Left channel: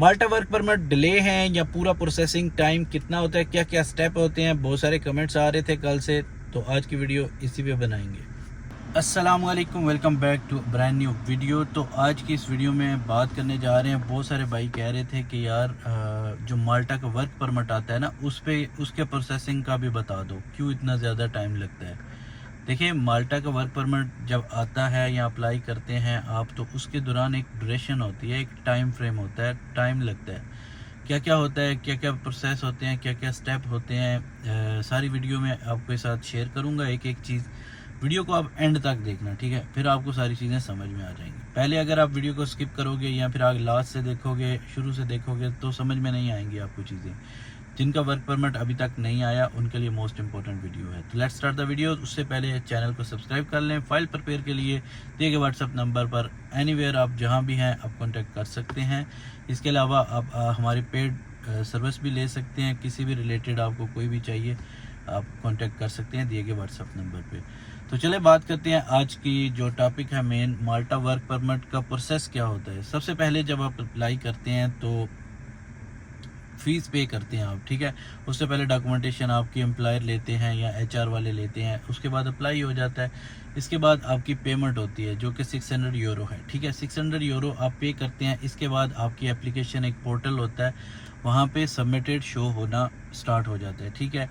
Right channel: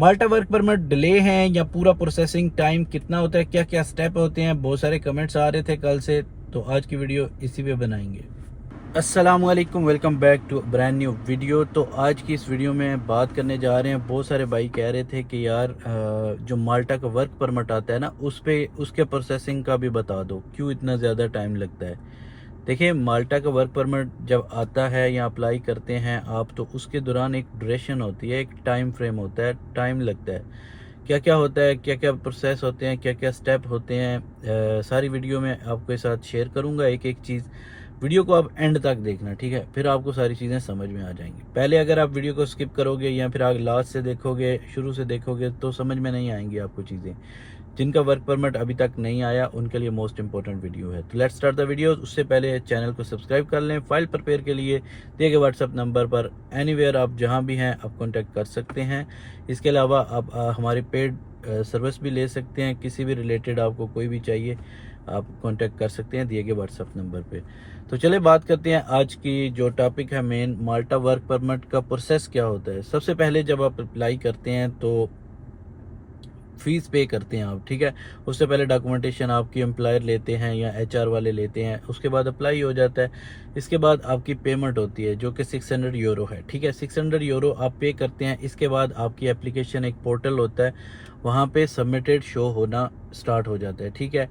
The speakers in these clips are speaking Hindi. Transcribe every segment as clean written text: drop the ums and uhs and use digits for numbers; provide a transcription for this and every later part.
माल्टा वर्क परमिट डिले हैं या पूरा प्रोसेसिंग टाइम कितना होता है, क्या क्या स्टेप होते हैं, बहुत सारे कमेंट्स आ रहे थे कल से, तो आज की वीडियो इसी पे बनाएंगे। अस्सलाम वालेकुम, welcome back to brand new video. तो आज की इस वीडियो में बात करने जा रहे हैं, बहुत सारे भाई कह रहे थे कि यार जो माल्टा का वर्क परमिट आता है ना, उसके प्रोसेसिंग का भी बता दो, क्यों इतना ज़्यादा टाइम लगता है। देखिए, माल्टा का वर्क परमिट जब आता है या अप्लाई करते हैं आप, तो उसके दौरान एक ड्यूरेशन होती है, एक टाइम फ्रेम होता है, टाइम लगता है। क्या क्या होता है, क्या क्या प्रोसेस होते हैं, क्या क्या स्टेप होते हैं, सारी वीडियो में आपके साथ शेयर करूंगा एक एक चीज़। वीडियो को आप एंड तक देखना, ठीक है, फिर आपको सारी चीज़ें समझ में आ जाएंगी। पहले अगर आप वीडियो को स्किप करोगे या फिर आगे लास्ट से देखोगे, शुरू से देखोगे, तो समझ में नहीं आएंगी आपको चीज़ें। जिनका वर्क परमिट अभी तक नहीं आया उनके लिए मोस्ट इंपॉर्टेंट वीडियो है। तो लेट्स स्टार्ट द वीडियो। उससे पहले चैनल को सब्सक्राइब कर लें। फाइल प्रिपेयर के लिए दिए गए व्हाट्सअप नंबर पर एनीवेयर आप जहां भी हैं आप कांटेक्ट कर सकते हैं। इसके अलावा आप हमारी पेड सर्विस भी ले सकते हैं, किसी भी रिलेटेड आपको कोई भी चाहिए आप कांटेक्ट कर सकते हैं दिए गए व्हाट्सअप नंबर पे। तो चले बात करते हैं आज की जो टॉपिक है मेन, माल्टा वर्क परमिट का प्रोसेस क्या होता है। सबसे पहले जब आप अप्लाई करते हैं तो फीस पे करते हैं आप, ठीक है। उससे पहले डॉक्यूमेंटेशन आपकी एम्प्लॉयर लेते हैं या एचआर वाले लेते हैं, उसके बाद अप्लाई हो जाता है। इसके बाद आपकी पेमेंट होती है जो कि 600 यूरो है, ठीक है। 600 यूरो आप पे करते हैं। इसके बाद आपकी एप्लीकेशन, एक पोर्टल होता है, वहाँ पे सबमिटेड शो होना स्टार्ट हो जाता है, ठीक है।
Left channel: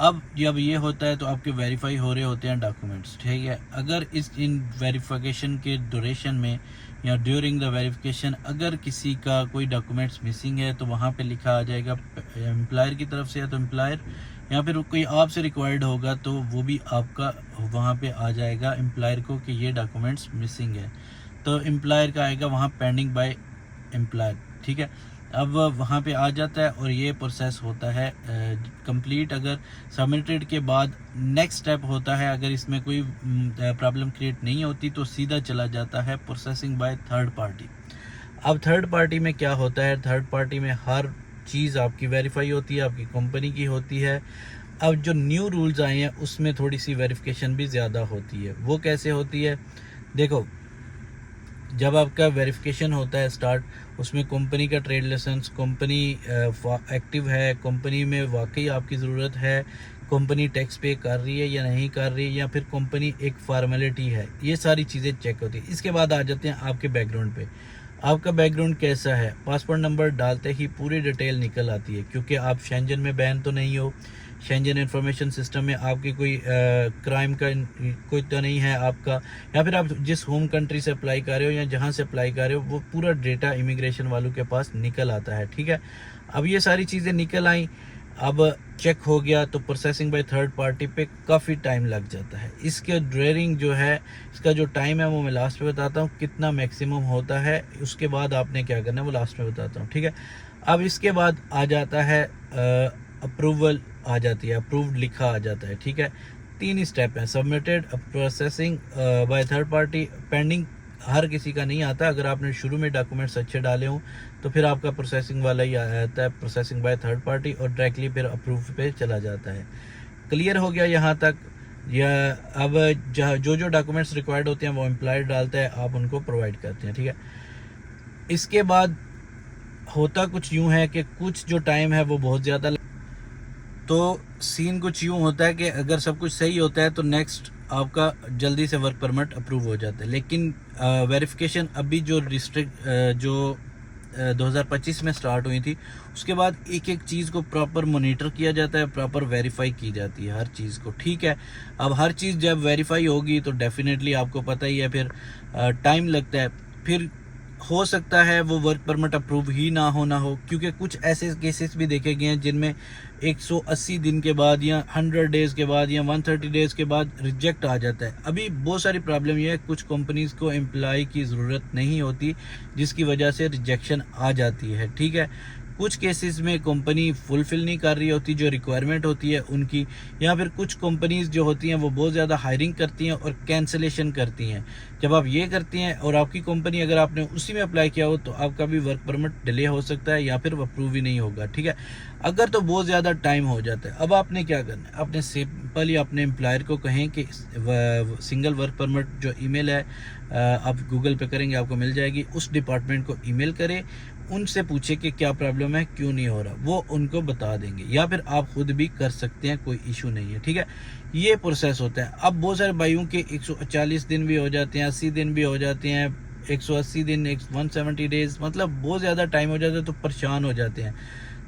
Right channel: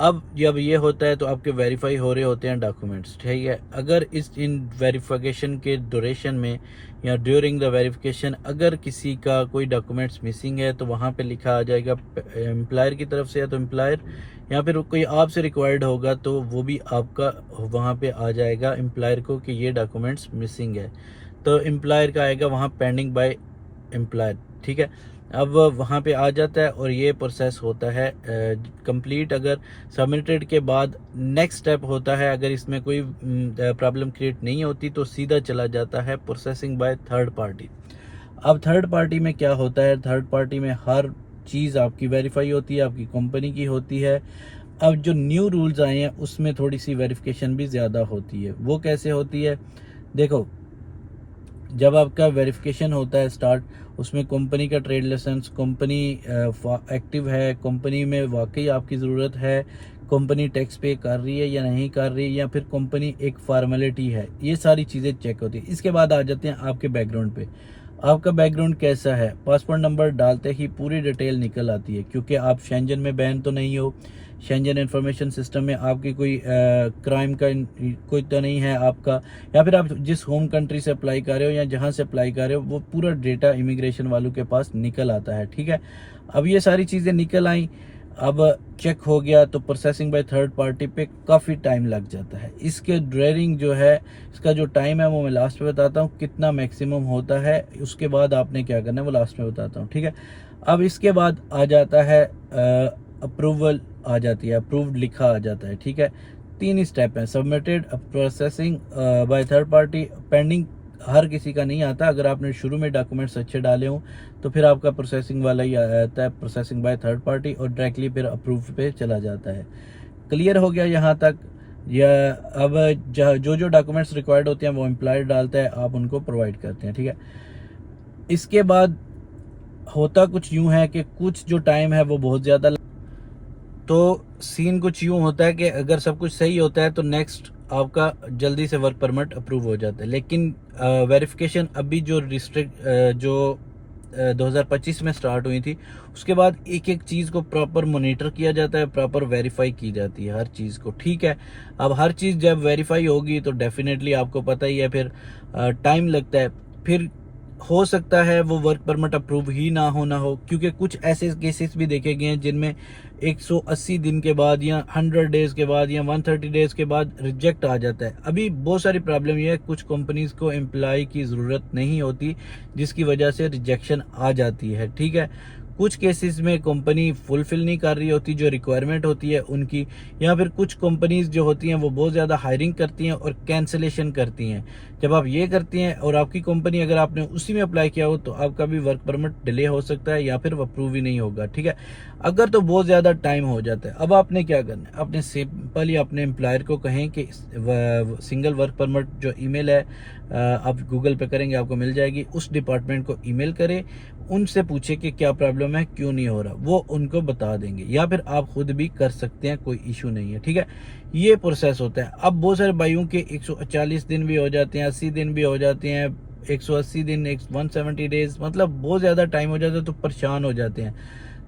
अब जब ये होता है तो आपके वेरीफाई हो रहे होते हैं डॉक्यूमेंट्स, ठीक है। अगर इन वेरिफिकेशन के ड्यूरेशन में या ड्यूरिंग द वेरिफिकेशन अगर किसी का कोई डॉक्यूमेंट्स मिसिंग है तो वहाँ पे लिखा आ जाएगा एम्प्लॉयर की तरफ से, या तो एम्प्लॉयर या फिर कोई आपसे रिक्वायर्ड होगा तो वो भी आपका वहाँ पे आ जाएगा एम्प्लॉयर को कि ये डॉक्यूमेंट्स मिसिंग है। तो एम्प्लॉयर का आएगा वहाँ पेंडिंग बाय एम्प्लॉयर, ठीक है। अब वहाँ पे आ जाता है और ये प्रोसेस होता है कंप्लीट। अगर सबमिटेड के बाद नेक्स्ट स्टेप होता है, अगर इसमें कोई प्रॉब्लम क्रिएट नहीं होती तो सीधा चला जाता है प्रोसेसिंग बाय थर्ड पार्टी। अब थर्ड पार्टी में क्या होता है, थर्ड पार्टी में हर चीज़ आपकी वेरीफाई होती है, आपकी कंपनी की होती है। अब जो न्यू रूल्स आए हैं उसमें थोड़ी सी वेरिफिकेशन भी ज़्यादा होती है। वो कैसे होती है, देखो, जब आपका वेरिफिकेशन होता है स्टार्ट, उसमें कंपनी का ट्रेड लाइसेंस, कंपनी एक्टिव है, कंपनी में वाकई आपकी ज़रूरत है, कंपनी टैक्स पे कर रही है या नहीं कर रही है, या फिर कंपनी एक फॉर्मेलिटी है, ये सारी चीज़ें चेक होती है। इसके बाद आ जाते हैं आपके बैकग्राउंड पे। आपका बैकग्राउंड कैसा है, पासपोर्ट नंबर डालते ही पूरी डिटेल निकल आती है, क्योंकि आप शेंजन में बैन तो नहीं हो, शेंजन इंफॉर्मेशन सिस्टम में आपकी कोई क्राइम का कोई तो नहीं है आपका, या फिर आप जिस होम कंट्री से अप्लाई कर रहे हो या जहां से अप्लाई कर रहे हो वो पूरा डेटा इमिग्रेशन वालों के पास निकल आता है, ठीक है। अब ये सारी चीज़ें निकल आई, अब चेक हो गया तो प्रोसेसिंग बाय थर्ड पार्टी पे काफ़ी टाइम लग जाता है। इसके ड्रेरिंग जो है, इसका जो टाइम है वो मैं लास्ट में बताता हूँ कितना मैक्सिमम होता है। उसके बाद आपने क्या करना है वो लास्ट में बताता हूँ, ठीक है। अब इसके बाद आ जाता है अप्रूवल आ जाती है, अप्रूव्ड लिखा आ जाता है, ठीक है। 3 ही स्टेप हैं, submitted, processing by third party, pending हर किसी का नहीं आता। अगर आपने शुरू में डॉक्यूमेंट्स अच्छे डाले हों तो फिर आपका प्रोसेसिंग वाला ही आता है, प्रोसेसिंग बाय थर्ड पार्टी, और डायरेक्टली फिर अप्रूव पे चला जाता है। क्लियर हो गया यहाँ तक, या अब जो जो डॉक्यूमेंट्स रिक्वायर्ड होते हैं वो एम्प्लॉयर डालता है, आप उनको प्रोवाइड करते हैं, ठीक है। इसके बाद होता कुछ यूँ है कि कुछ जो टाइम है वो बहुत ज़्यादा, तो सीन कुछ यूँ होता है कि अगर सब कुछ सही होता है तो नेक्स्ट आपका जल्दी से वर्क परमिट अप्रूव हो जाता है। लेकिन वेरिफिकेशन अभी जो जो 2025 में स्टार्ट हुई थी, उसके बाद एक एक चीज़ को प्रॉपर मोनीटर किया जाता है, प्रॉपर वेरीफाई की जाती है हर चीज़ को, ठीक है। अब हर चीज़ जब वेरीफाई होगी तो डेफिनेटली आपको पता ही है फिर टाइम लगता है। फिर हो सकता है वो वर्क परमिट अप्रूव ही ना हो, क्योंकि कुछ ऐसे केसेस भी देखे गए हैं जिनमें 180 दिन के बाद या 100 डेज़ के बाद या 130 डेज़ के बाद रिजेक्ट आ जाता है। अभी बहुत सारी प्रॉब्लम ये है, कुछ कंपनीज को एम्प्लॉय की ज़रूरत नहीं होती जिसकी वजह से रिजेक्शन आ जाती है, ठीक है। कुछ केसेस में कंपनी फुलफिल नहीं कर रही होती जो रिक्वायरमेंट होती है उनकी, या फिर कुछ कंपनीज जो होती हैं वो बहुत ज़्यादा हायरिंग करती हैं और कैंसलेशन करती हैं। जब आप ये करती हैं और आपकी कंपनी अगर आपने उसी में अप्लाई किया हो तो आपका भी वर्क परमिट डिले हो सकता है या फिर अप्रूव ही नहीं होगा, ठीक है। अगर तो बहुत ज़्यादा टाइम हो जाता है, अब आपने क्या करना है, अपने सिंपल या अपने एम्प्लॉयर को कहें कि सिंगल वर्क परमिट जो ईमेल है आप गूगल पे करेंगे आपको मिल जाएगी, उस डिपार्टमेंट को ईमेल करें, उनसे पूछे कि क्या प्रॉब्लम है, क्यों नहीं हो रहा, वो उनको बता देंगे, या फिर आप खुद भी कर सकते हैं, कोई इशू नहीं है, ठीक है। ये प्रोसेस होता है। अब बहुत सारे भाइयों के 140 दिन भी हो जाते हैं, 80 दिन भी हो जाते हैं, 180 दिन, 170 डेज, मतलब बहुत ज़्यादा टाइम हो जाता है, तो परेशान हो जाते हैं।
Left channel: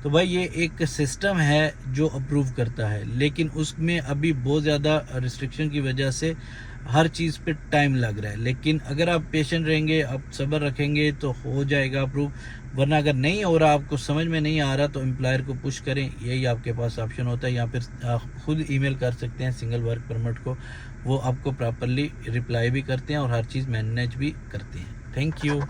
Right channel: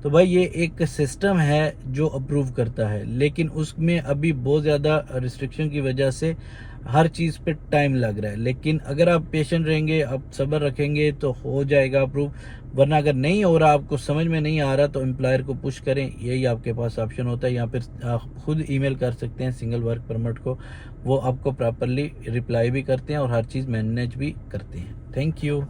तो भाई ये एक सिस्टम है जो अप्रूव करता है, लेकिन उसमें अभी बहुत ज़्यादा रिस्ट्रिक्शन की वजह से हर चीज़ पे टाइम लग रहा है। लेकिन अगर आप पेशेंट रहेंगे, आप सब्र रखेंगे, तो हो जाएगा अप्रूव। वरना अगर नहीं हो रहा, आपको समझ में नहीं आ रहा, तो एम्प्लॉयर को पुश करें, यही आपके पास ऑप्शन होता है। या फिर खुद ईमेल कर सकते हैं सिंगल वर्क परमिट को, वो आपको प्रॉपरली रिप्लाई भी करते हैं और हर चीज़ मैनेज भी करते हैं। Thank you.